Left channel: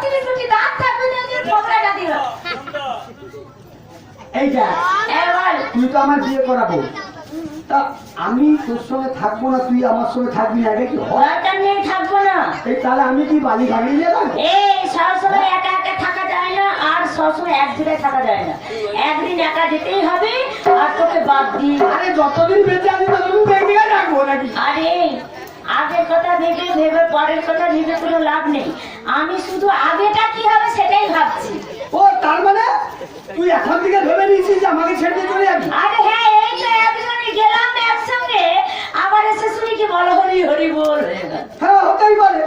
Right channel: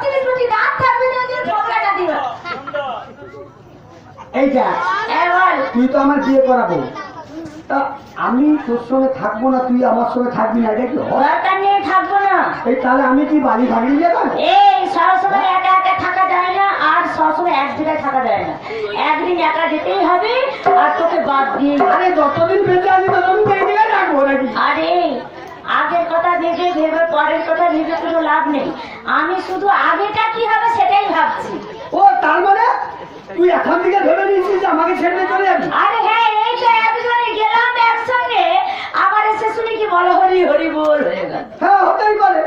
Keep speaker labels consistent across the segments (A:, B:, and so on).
A: বত্রিশ কোটি দাঁত থাকবে না যে ঠোকরাটা দিল।
B: এইটা।
A: এবার
B: তুই তো আমার বিয়ে করাবো। তা আমি তোর সঙ্গে থাকব না তুই আমার সঙ্গে থাকবি না এটা কি
A: দরকার নেই থাকব না।
B: এই তাহলে আমি কি বালি নিয়ে যাব?
A: এই সবসময় একা একা থাকা যায় না আর সবসময় এক জায়গায় থাকা যায় না। একদিন একা যেতেই হবে আর তোকে বাদ দিয়ে
B: আরে যতদিন বেঁচে আছি ততদিন রাখব নাকি?
A: আরে আগের কথা ভেবে ভেবে পরের কথা ভেবে কোনো লাভ নেই। আমি শুধু আগেটা কি হবে সেটাই ভাবছি।
B: ও তার মানে তুই এখন থেকে ভেবে নিয়েছিস যে আমাকে ছেড়ে চলে যাবি?
A: আরে হ্যাঁ এই তো একজনে গেলাম একসঙ্গে আবার এসে শুনি কি বলো হরি হরি বল হয়ে
B: হ্যাঁ হতেই পারে।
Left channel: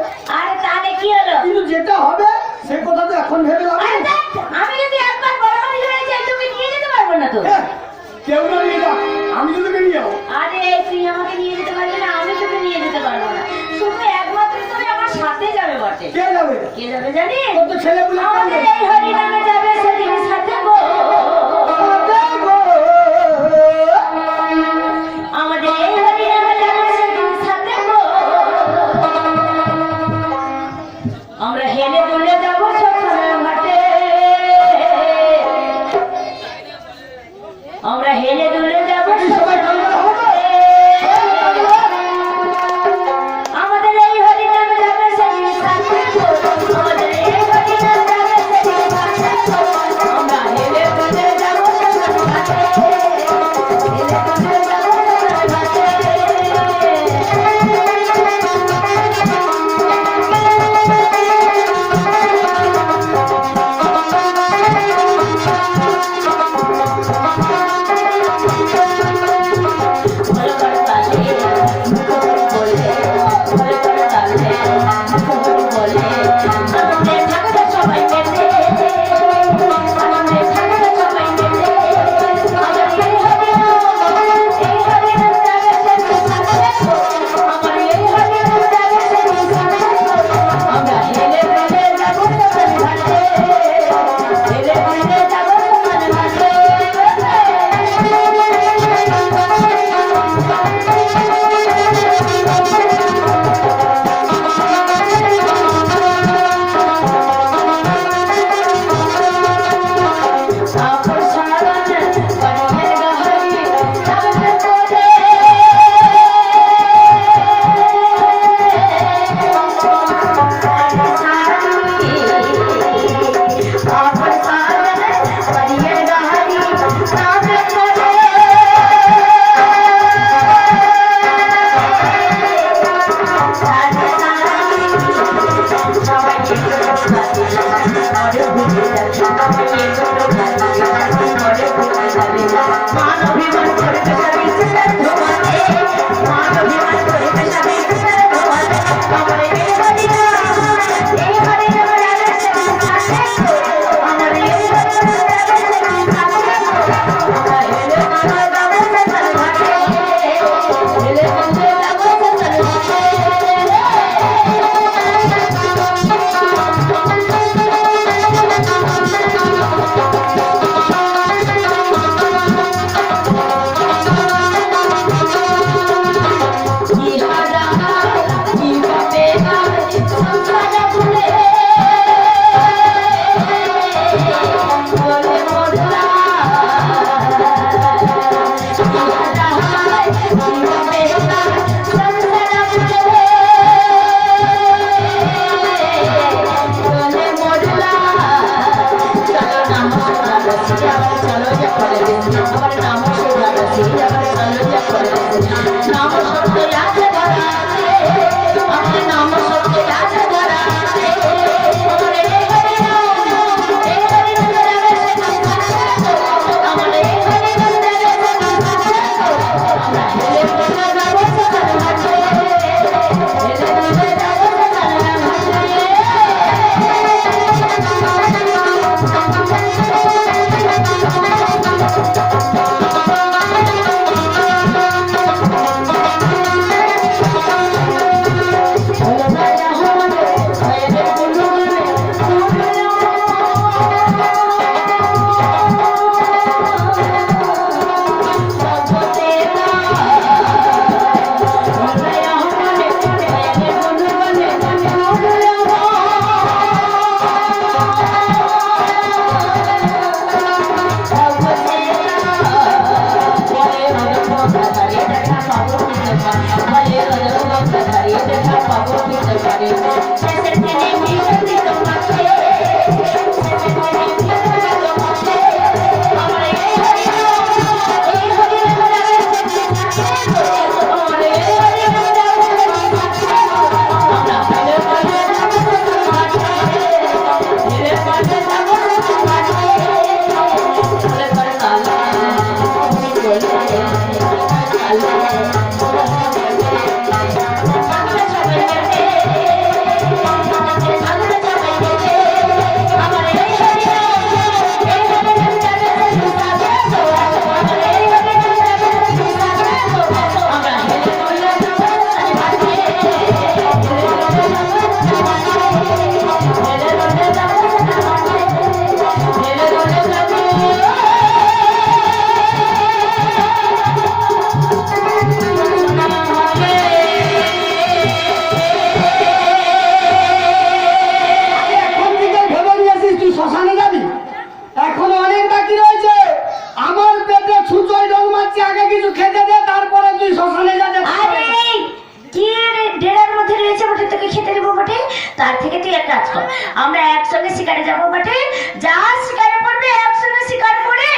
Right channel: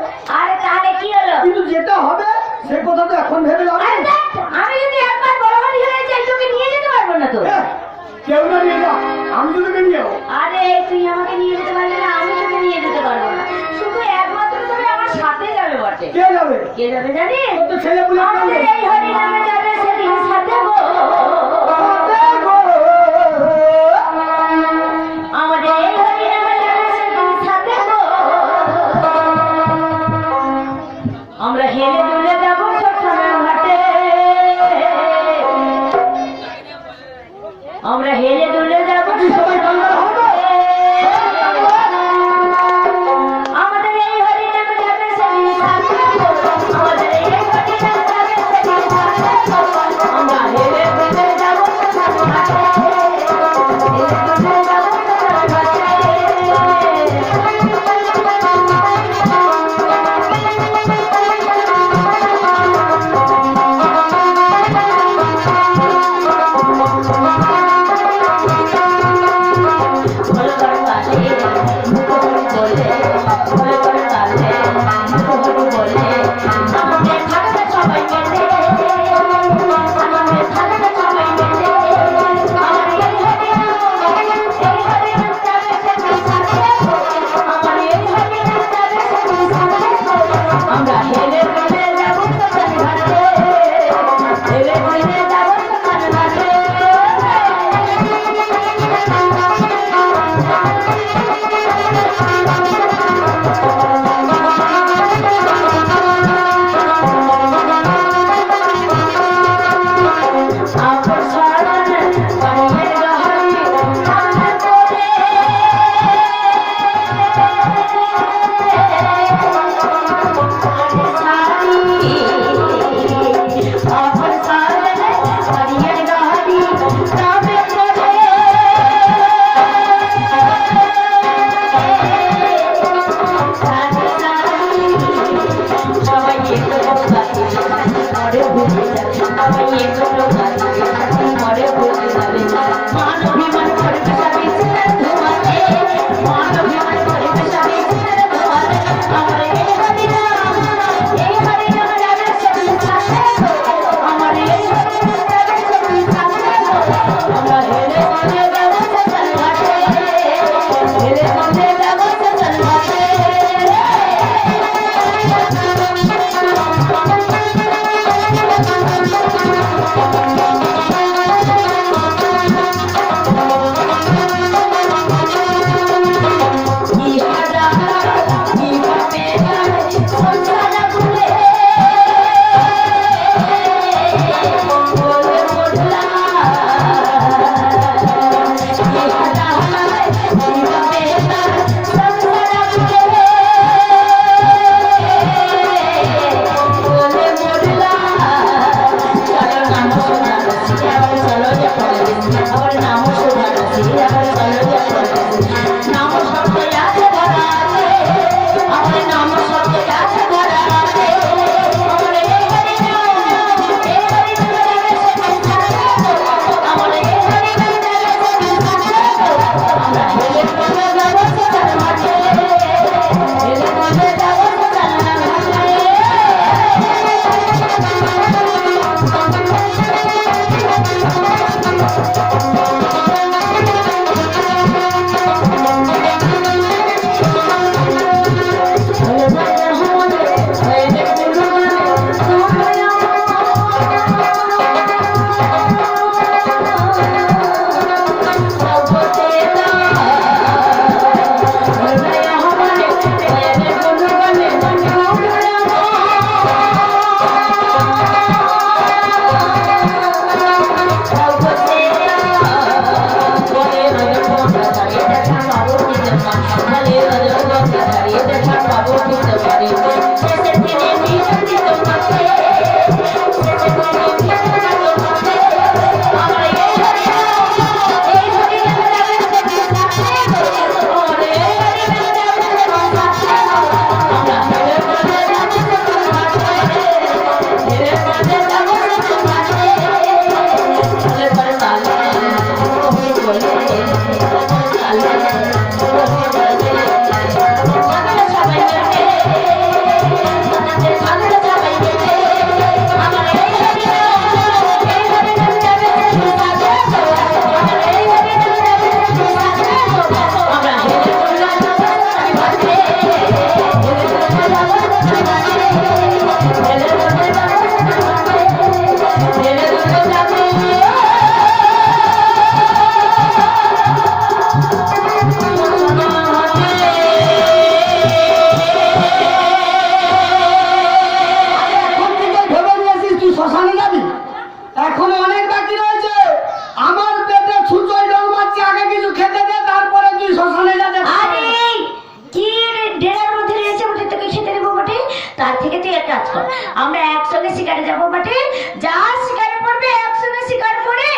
A: আমরা
B: একসঙ্গে শিকারে যাব বটে যা শিকারে পড়বে একসঙ্গে শিকার করে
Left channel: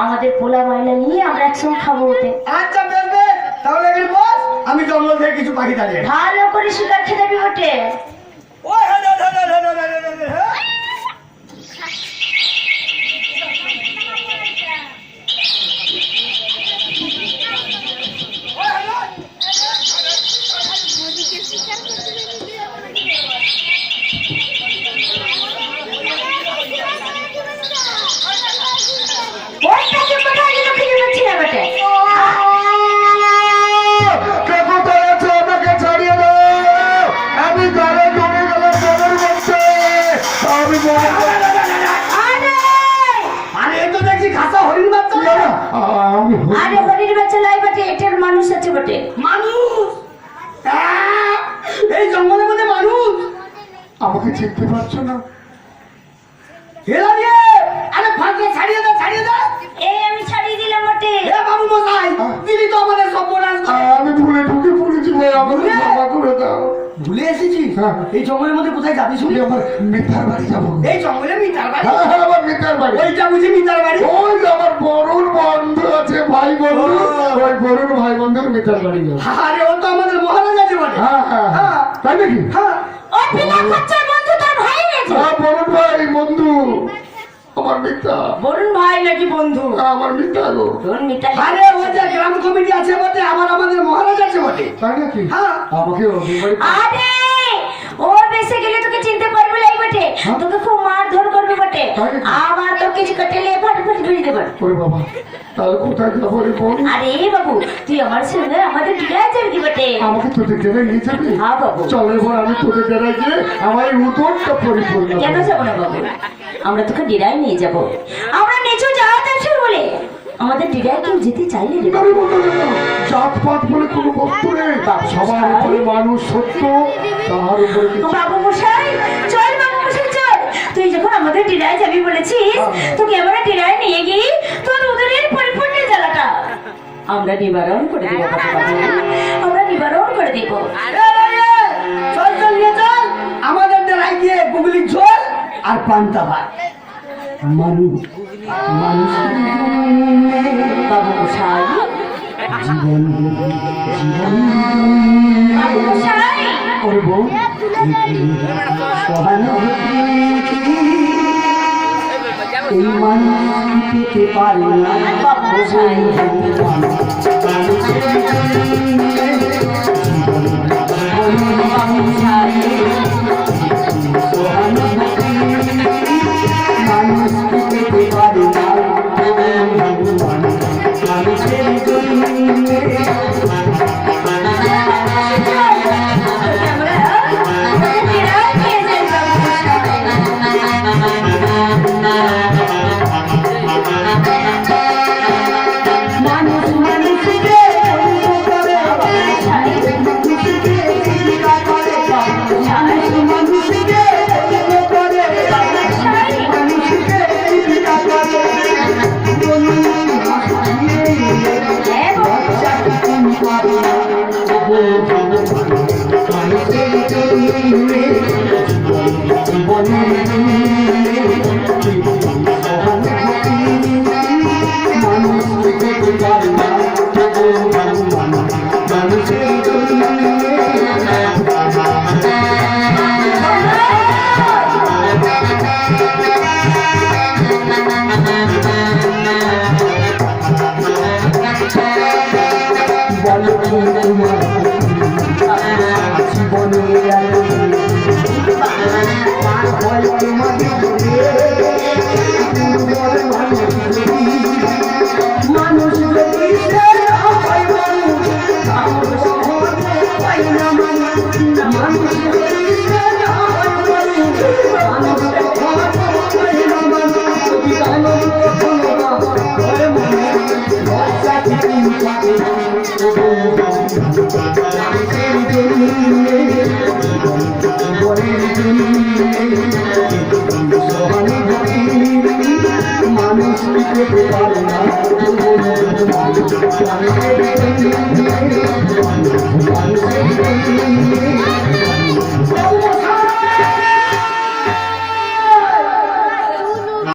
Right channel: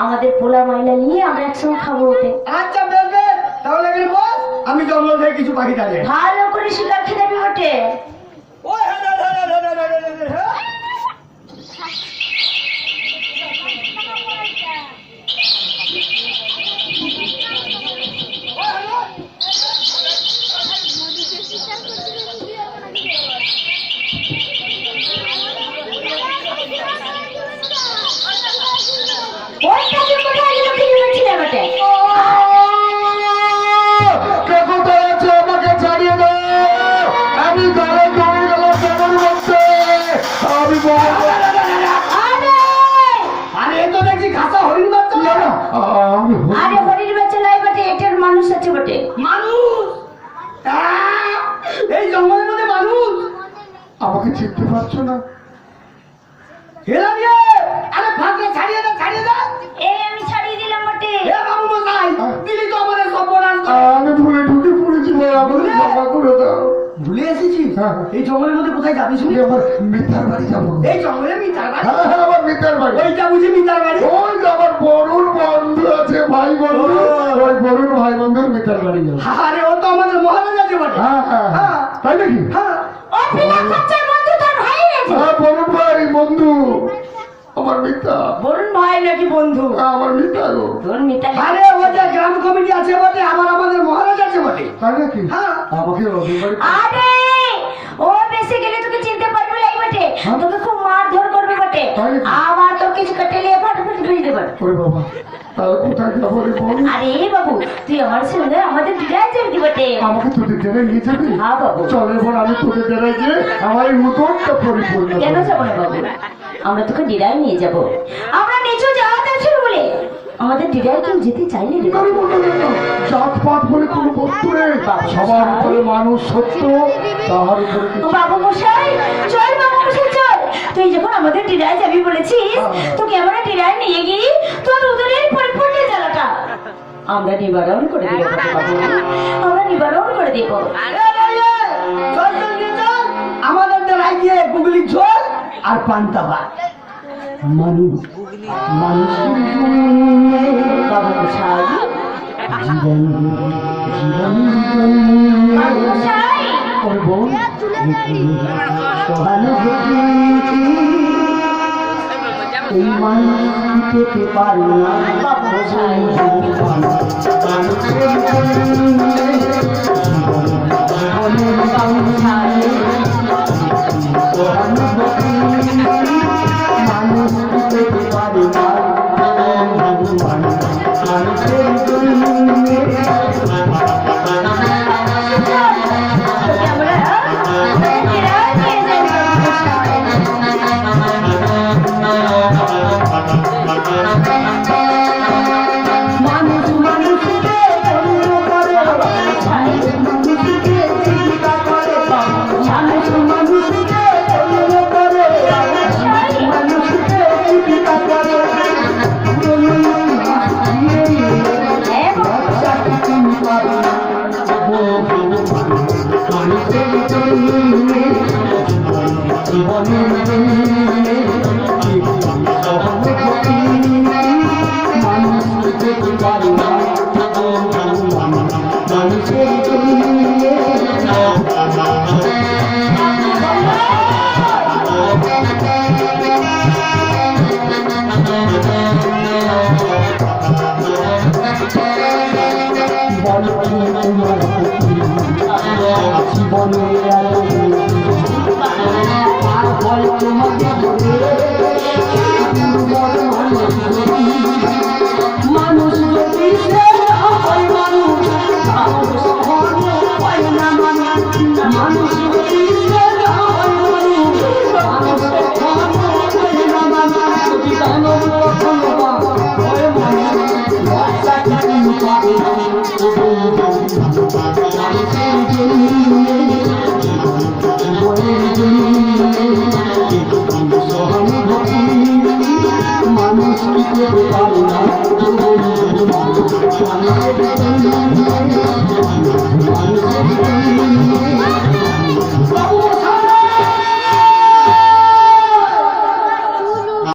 B: আমাদের পোলা মাইলা নিয়ে আমরা একসঙ্গে খাব ওতে।
A: আচ্ছা বেশ তাহলে এখানে বস আমি জঙ্গল থেকে কিছু পাখি দাঁড়িয়ে
B: ভালো করে শিকার খেতে বটে
A: ওই হ্যাঁ, হ্যাঁ, হ্যাঁ, হ্যাঁ, হ্যাঁ,
B: আরে
A: আরে এ তো দেখছি খাসা হরিণ বাচ্চা
B: আরে হরির বাচ্চা লাই বটে এটার মানুষ আছে বটে।
A: মানুষ! এই জঙ্গলের মধ্যে মানুষ!
C: আমাকে চিনতে পারছ না।
A: হেলা আরে ফাঁকে ছাড়িয়ে দাও ছাড়িয়ে দে!
B: এই
A: জঙ্গলের মধ্যে কোথায় যাবি শুনি?
C: আমি আমার মিথ্যার বাড়ি যাব।
A: এই জঙ্গলে মিটার বাড়ি?
C: হ্যাঁ হ্যাঁ আমার মিথ্যার বাড়ি।
A: ওইটা বুঝি মিটার বাড়ি?
C: ওই আমার বরুণ বন্ধু আছে ভাই বন্ধু। ওই বরুণ ভাই বন্ধুর মিথ্যার বাড়ি যাব।
A: আরে ও তো আমাদের মহারাজ আছে বলে
C: হ্যাঁ হ্যাঁ হ্যাঁ। তাই নাকি?
A: হ্যাঁ।
B: ও বিনা খরচার বন্ধু তোর ভাই আছে।
C: হ্যাঁ বরুণ ভাই বন্ধু। আমার মিথ্যা
B: বরুণ ভাই নাকি বন্ধু?
C: আমার মিথ্যা গো।
B: তোর মিতালি
A: আরে ও যে গ্রাম কমিটি আছে বটে আমার আমাদের মহারাজ আছে বটে।
C: তাই নাকি?
A: হ্যাঁ।
C: আমাকে
B: আরে বেশি গেলে তোকে চিনতে পারবে না বটে।
C: হ্যাঁ?
B: তোকে খুব মারধর করবে বটে। আবার তোর কিছু কেটেলে ফাটি ফাটি ফেলে দেবে।
C: ওরে বাবা তাহলে কোথায় যাব রে বল?
B: আরে বাবু তুই আমার সঙ্গে আমাদের ডিরাই যাবি বটে?
C: আমাকে তোদের জেলায় নিয়ে যাবি?
B: হ্যাঁ বাবু।
C: চল এবার আমি তোদের জেলায় গিয়ে আমার এই উত্তরটা পরিপূর্ণ
B: কেন যাব না বাবু? আমরা তোকে ডিরাই নিয়ে যাব। আমরা নিচু যাওয়া শুরু বলে। আমাদের ডিরাই কেউ যেতে চাইলে
C: আরে বলো না, জাত পাত বলে কোনো বস্তু নেই। সবার উপরে মানুষ সত্য তাহার উপরে
B: বাবু মশাই চল বাবু মশাই চল। তুই যখন আমাদের ডিরায় যাবি বলেছিস তোকে আমরা ডিরায় নিয়ে গিয়ে তোর উদরের পরিপূর্ণ জ্বালাটা। আমরা নিবারণ করে দেবো। আমরা নিবারণ করে দেবো।
A: চল চল নিয়ে চল। আমাদের ডেরায় গিয়ে গুগলি ঝোল আর পান্তা ভাত। মানুষ
B: মশাই
A: জীবন জীবন করব সহানুভূতি এই মানুষ পেতে পারে না Thank you.